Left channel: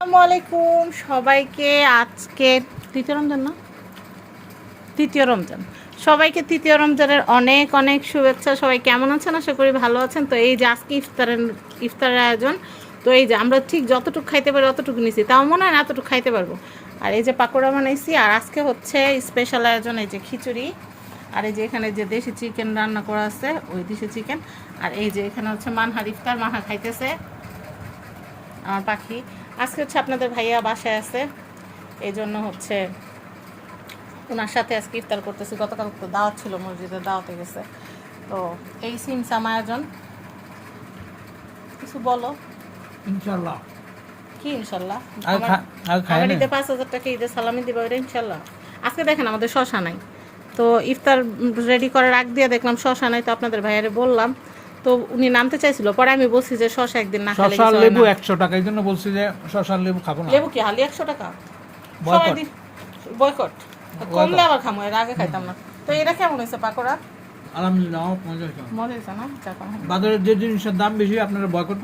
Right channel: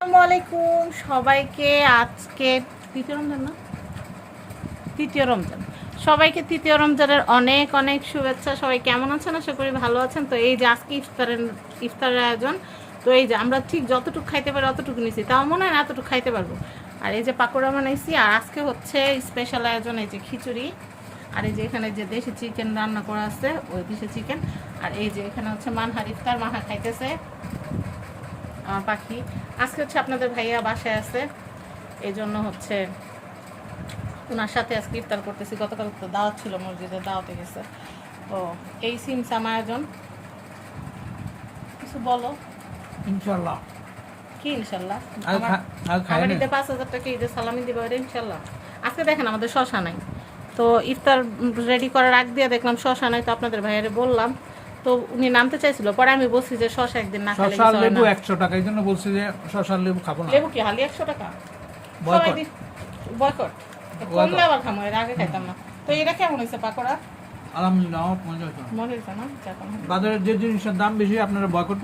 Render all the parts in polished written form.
আসসালামু আলাইকুম সবাইকে। আজকে তৃতীয় রমজান না, তৃতীয় রমজান। সবাইকে তৃতীয় রমজানের অনেক অনেক শুভেচ্ছা। সবাই কেমন আছেন? আশা করি ভালো আছেন। তো এই যে আজকে ইফতারের আয়োজন। তো এই যে আমরা ঠিক যতটুকু খাইতে পারি অতটুকু নিছি, তাও মনে হয় না এতটুকু খাইতে পারবো। আর এই যে পাকোড়া বানাইছি। আর আজকে হচ্ছে স্পেশাল আয়োজন, এই যে খিচুড়ি। আর এই যে এখানে যে দেশি চিকেন রান্না করা আছে, ওই দেশি চিকেন। আর এই যে এখানে হচ্ছে মানহার ইফতার, মানহা খাইতেছে পাখি। আজকে হচ্ছে আপনাদের ভাইয়া বাসায় আছে, এই জন্য হচ্ছে ওনার সাথে আজকে ইফতার করতেছি। গতকাল তো দাওয়াত ছিল, মসজিদে দাওয়াতে গেছে। তো এই সিমসাম আয়োজন। কিছু বলো। ইনশাল্লাহ। কি ইনশাল্লাহ? আমার ঈদে 5,000 টাকা ঈদে সালামি দিবা, ওটা ইনশাল্লাহ। আজকে দেখেন আমাদের শশা নাই, তো ইফতার রেডি করার আগ দিয়ে দেখলাম শশা নাই, তো আপনাদের ভাইয়ারে বললাম। তো উনি নামতে চাইছিল, পরে আমি বলছি যে শশা একদিন না খেলে শশার লেবু 100 টাকা, এই জন্য বলছি যে শশার লেবু খাবো না। লেবু কি হালি 100 টাকা? বয়কট কমলে আবার খামো, এর আগে খাইতাম না। তো এটা কেমন হয়েছে পাকোড়া? আলহামদুলিল্লাহ, আমার মজা হয়েছে। মনে হয়েছে না? বাজারের যে জিনিসের দাম বেশি আপনারা বয়কট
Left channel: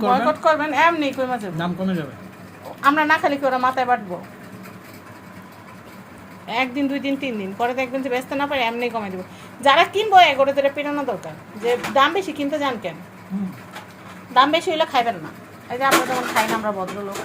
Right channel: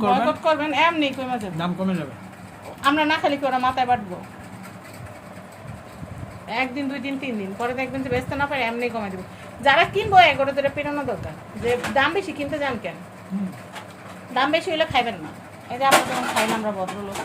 করবেন, এমনি কমে যাবে, দাম কমে যাবে। আমরা না খালি কি ওরা মাথায় বাটবো? একদিন, 2 দিন, 3 দিন পরে দেখবেন যে ব্যস্ত না পারে, এমনি কমে দেবো। যারা কিনবো এগুলো তোরা পেরানো দরকার, যে দাম বেশি কিনতে যান কেন? দাম বেশি হলে খাইবেন না। এই যে আমরা যখন খাই না, আমরা ভদ্রলোক।